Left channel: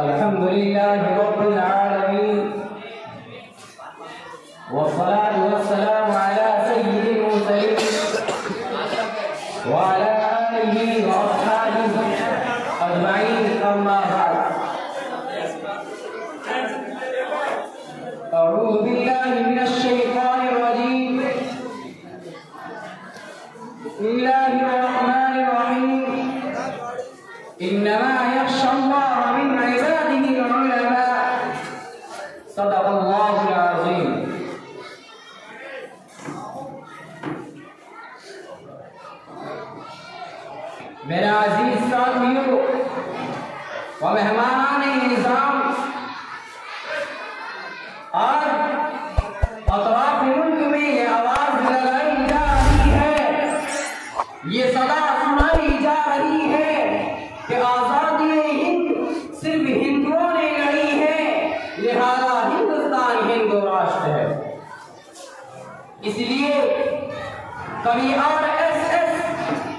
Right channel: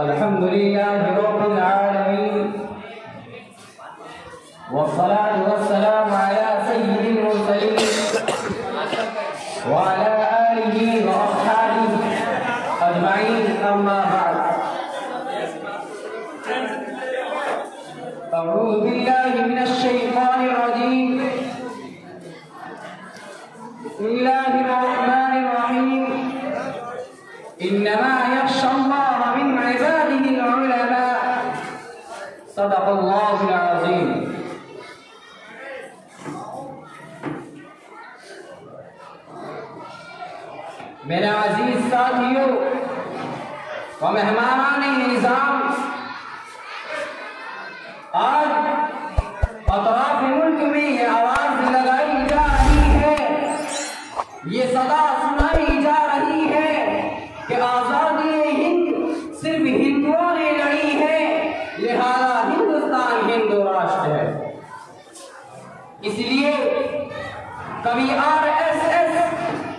अल्हम्दुलिल्लाहि रब्बिल आलमीन वस्सलातु वस्सलामु अला सय्यिदिल मुरसलीन व अला आलिहि व अस्हाबिहि अजमाइन, अम्मा बाद। अऊज़ु बिल्लाहि मिनश शैतानिर रजीम। बिस्मिल्लाहिर रहमानिर रहीम। इन्नमा यख्शल्लाह मिन इबादिहिल उलमा। सदक़ल्लाहुल अज़ीम। मेरे अजीज साथियों व मेहमानान निज़ाम, आज अतराफ मुल्क में ये आवाज लगाई जा रही है, ये सदा सुनाई जा रही है कि आजादी हिंद सिर्फ हिंदुओं ने लड़ी है, लिहाजा हिंदुस्तान हिंदू राष्ट्र है। इसलिए कभी आरएसएस,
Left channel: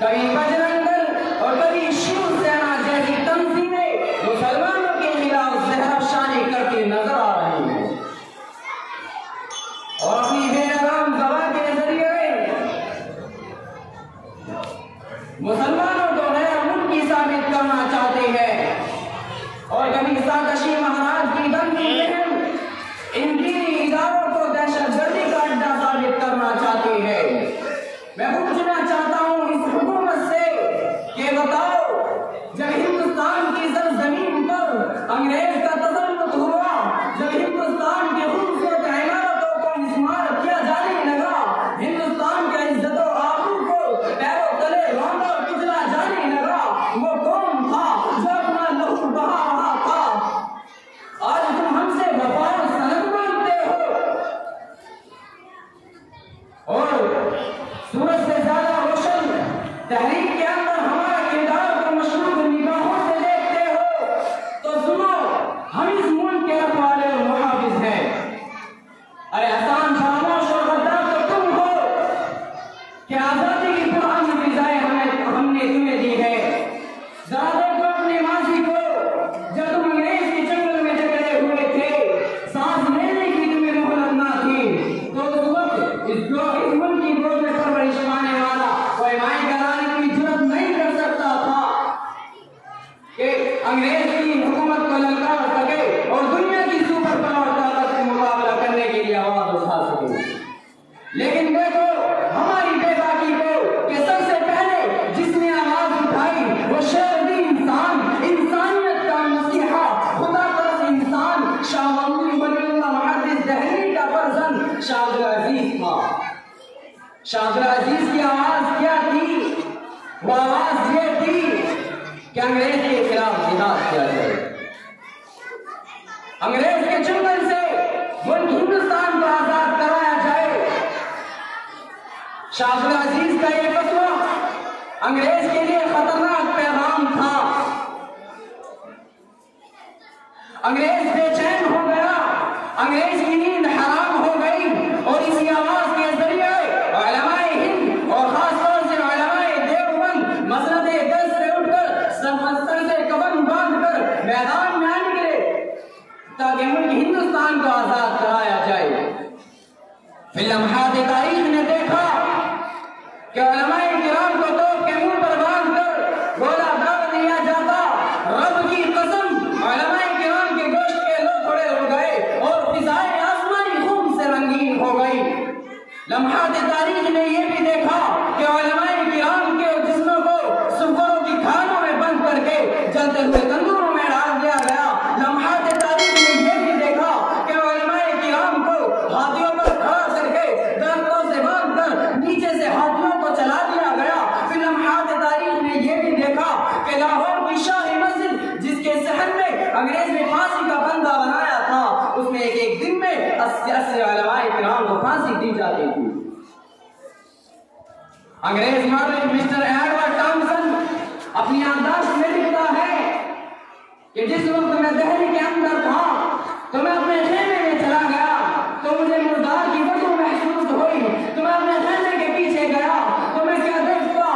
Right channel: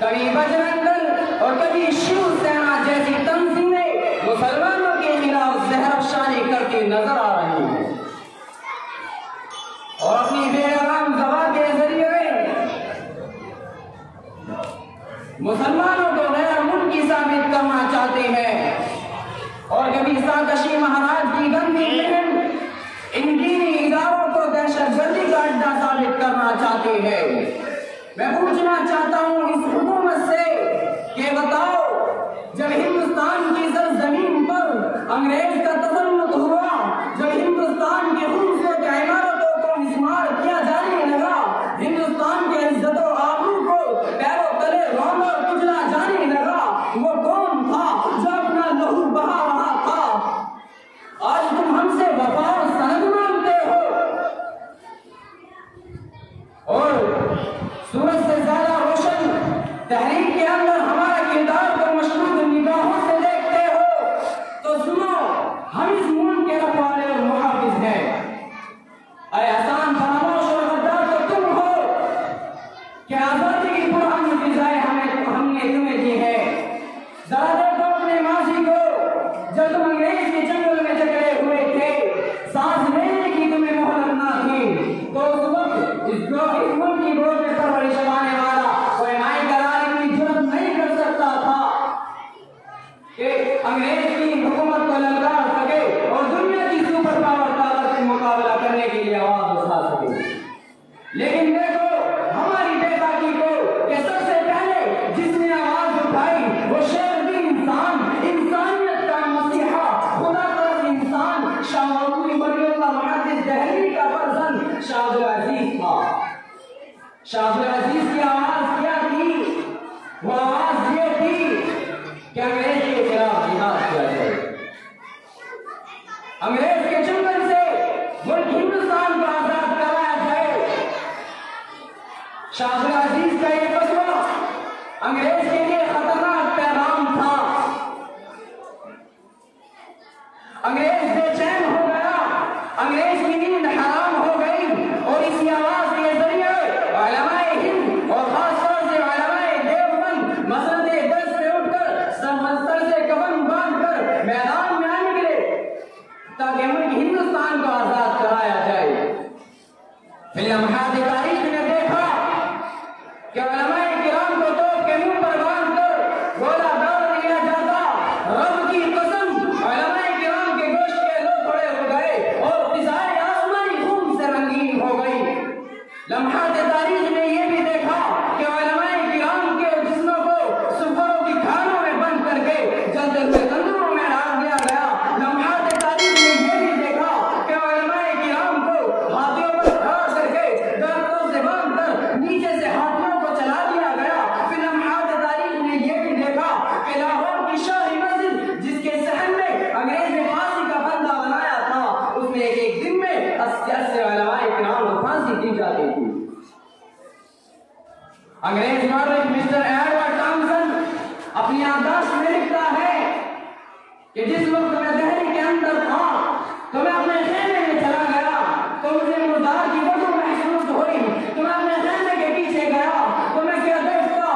कभी बजरंग दल और कभी शिवसेना जैसी तंजीमें मुसलमानों के खिलाफ जहरशानी करती नजर आ रही है और अपनी बेरहम दवा के जरिए मुसलमानों को गैर मुल्की साबित करना चाहते हैं और कभी साकशी महाराज की गंदी मुहिम इन दीनी इदारों को दहशतगर्दी का अड्डा साबित करना चाहते हैं। मैं पूछना चाहता हूं इस हुकूमत से कि बताओ, जब हिंदुस्तान की सरजमीन पर अंग्रेज का तसल्लुत हुआ, जब हिंदुस्तान के खून से इमारतों को मिस्मार किया जाने लगा, हिंदुस्तान के इज्जत और आबरू को पैरों तले रौंदा और कुचला जाने लगा, वो कौन था जो अपना लहू बहा रहा था? आज तुम हमसे वफा और सनद मांगते हो और सूरज से ज्यादा रोशन तहरीक के अंदर हमारे किरदार को मशरूब निगाहों से देखते हो, तो सुनो, हम इस मुल्क के रखवाले और मुहाफिज हैं। अरे आसान फरामोश और गद्दार तो तुम हो कि आजादी की पुरानी फिजाएं हमने तुम्हें दी है। जरा देखो अपने माजी को, जब तुम अंग्रेज के जंगल में जकड़े हुए थे, सांस लेने की तुम्हें मोहलत ना थी, तो उस वक्त इस मुल्क की गोद में परवरिश पाने वाला कोई माई कराने की जुर्रत नहीं कर सकता था कि अंग्रेज की हुकूमत को ललकार सके और दुनिया की सुपर पावर ताकत से मुकाबला करने के लिए आवाज उठा सके। लेकिन देखो हमारी बेबाकी को कि सबसे पहले जिसने आवाज उठाई वो शेर दी इंसान, इंसानियत का मसीहा, खुदा तरफ इंसान, शाह महमूद वलीउल्लाह मुहद्दिस दहलवी का फर्जंद शाह अब्दुल अजीज था। शाह अब्दुल अजीज की आवाज क्या थी? वो आवाज ये थी कि अंग्रेज के खिलाफ जिहाद किया जाए, अंग्रेज के जंगल से मुल्क हिंदुस्तान को आजाद कराया जाए। शाह अब्दुल अजीज का ये फतवा अंग्रेज के लिए खतरनाक पैगाम था। अंग्रेज बेचैन हो गया, अंग्रेज की नींद हराम हो गई और इसी आवाज के जरिए उलमाए हिंद और खासतौर से उलमाए देवबंद मसनदे दस से उठकर सर से कफन बांधकर मैदान में आ निकले ताकि मुल्क हिंदुस्तान को आजाद कराया जाए। फिर लम्हात तारीख ने देखा कि उलमाए किराम को तोप के मुंह पर बांधकर गोला दाग दिया जाता। रब की कसम, उलमाए किराम के गोश्त के लोथड़े हो गए और फिजाएं आसमानी खून से रंगीन हो गई। लम्हात तारीख ने यह भी देखा कि उलमाए किराम के जिस्मों को सुफरों की खानों में बंद करके जलते हुए तंदूरों में डाल दिया गया। लम्हात तारीख ने यह भी देखा कि उलमाए किराम को हाथियों पर खड़ा करके दरख्तों से बांधकर नीचे से हाथियों को चला दिया गया। फिर लम्हात तारीख ने यह भी देखा कि लाहौर की शाही मस्जिद, जिसके सहन में अंग्रेज ने फांसी का बंदा बनाया था, उसमें एक दिन में 80 उलमाए किराम को फांसी दी जाती थी। अंग्रेज मौलवी मिस्टर एडवर्ड टॉमसन अपनी याददाश्त में लिखता है कि जिस वक्त मैं दहली के अंदर था तो मैं अपने खेमे में चला गया तो मुझे मुर्दार की बदबू महसूस हुई, तो मैं अपने खेमे के पीछे गया तो मैं क्या देखता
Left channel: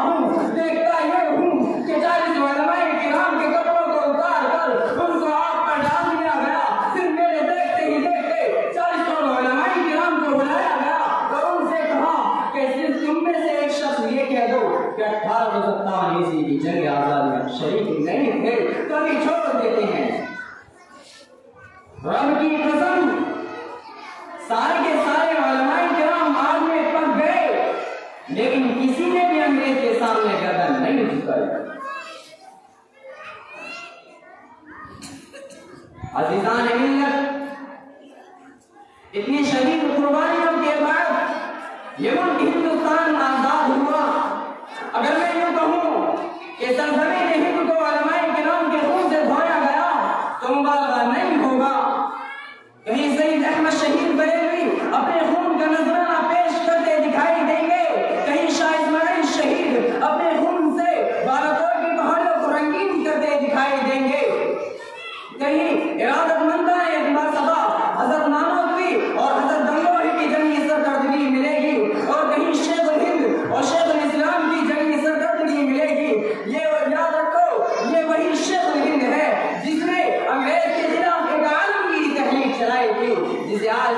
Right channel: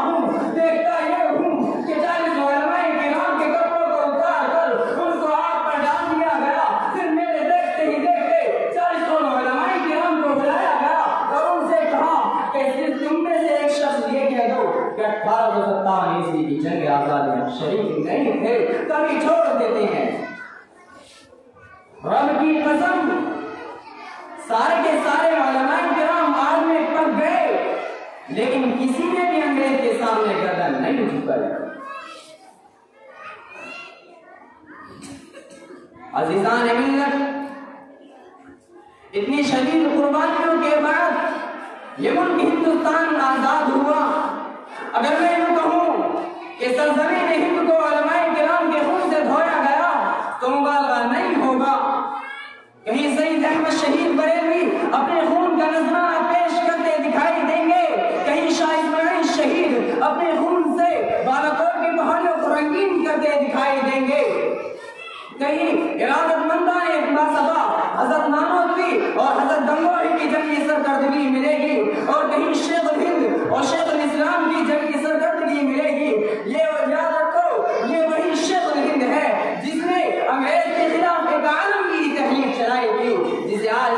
रब की कसम, सारे के सारे उलमाए किराम आग में पक गए, लेकिन किसी ने भी अंग्रेज के सामने गर्दन नहीं झुकाई। अजीजान मिल्लत, इतनी शदीद कुर्बानियों के बाद ये मुल्क हिंदुस्तान आजाद हुआ। अगर मैं यूं कहूं कि सरजमीन हिंद को उलमाए किराम के खून से धोया गया तो मुबालगा नहीं होगा। कहीं सईद अहमद शहीद बरेलवी अपने खून का नजराना पेश करते दिखाई देंगे, कहीं शाह इस्माइल शहीद अपने खून से बालाकोट की पहाड़ियों को रंगीन करते दिखाई देंगे, कहीं इरादतमंदाने बासबा हजरत नानोतवी और हजरत गंगोही की जंगी सरकर्दगी मिलेगी, और कहीं शेख हिंद और शेख इस्लाम की जंगी सरकर्दगी मिलेगी। ये याद रखो, ये वही शेख हिंद है जिसने अंग्रेज के खिलाफ एक आलमगीरी तहरीक चलाई थी, जिसे आज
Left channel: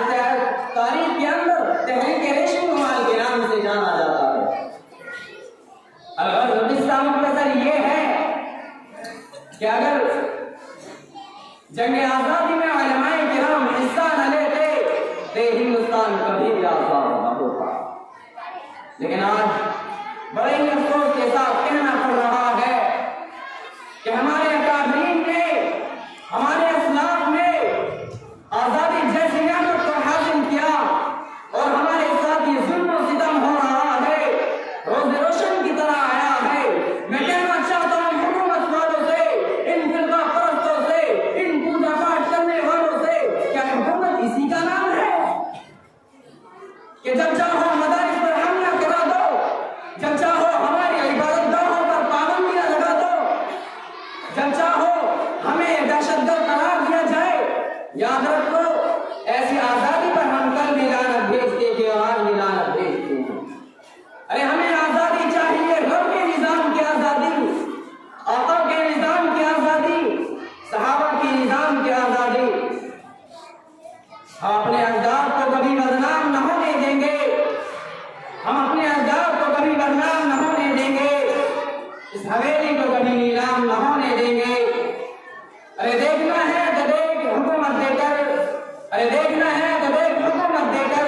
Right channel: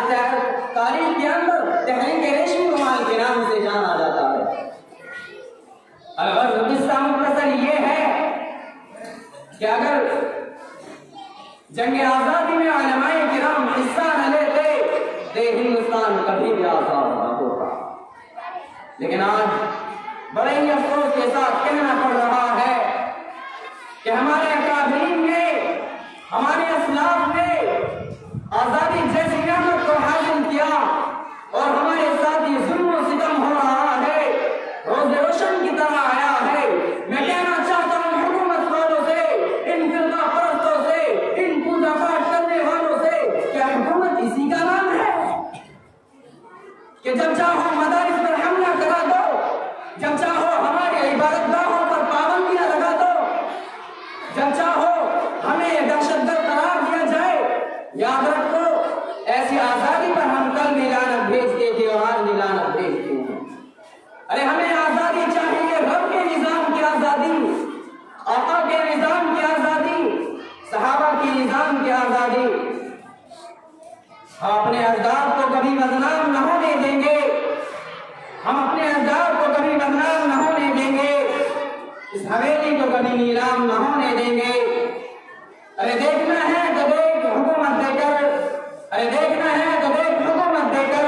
तारीख के अंदर तहरीक रेशमी रुमाल के नाम से जाना जाता है। अगर ये है कि अगर जंग आजादी में उलमाए किराम हिस्सा न लेते तो हिंदुस्तान कभी भी आजाद न होता। लेकिन आज बड़े ही अफसोस के साथ कहना पड़ रहा है कि हमारे अकादमीन ने, हमारे असलाफ ने आजादी जैसी नेमत को हासिल किया और हमारे साथ ये जुल्म सितम हो रहा है, रोज रोशन की तरह आया है। मैं कहना चाहता हूँ हुकूमत वालों से, इन फिरका परस्तों से, इन पूजा पाठ करने वालों से, क्या हुकूमत इसी का नाम है कि जब चाहो मदारिस पर हमला करा दो, जब चाहो हमारे इबादतगाहों पर पाबंदियां लगा दो, जब चाहो हमें दहशतगर्द करार दिया जाए? याद रखो, ऐसी आजादी पर हम कल भी लानत भेजते थे और आज भी लानत भेजते हैं। अरे हमें आजादी चाहिए, रब के निजाम की आजादी, आका के निजाम की आजादी, सहाबा की निजाम की आजादी। हम अपने अजदाद को कभी बदनाम न होने देंगे, हम अपने अजदाद को कभी बदनाम न होने देंगे, इस हवेली को कभी नीलाम न होने देंगे। अरे देखना है तो देख हुकूमत देकर, अरे देखना है तो देख हुकूमत देकर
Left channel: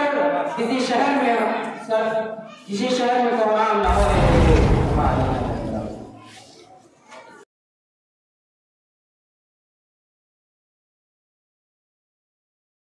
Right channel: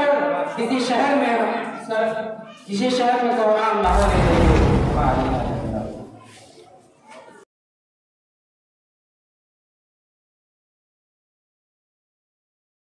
किसी शहर में प्रोग्राम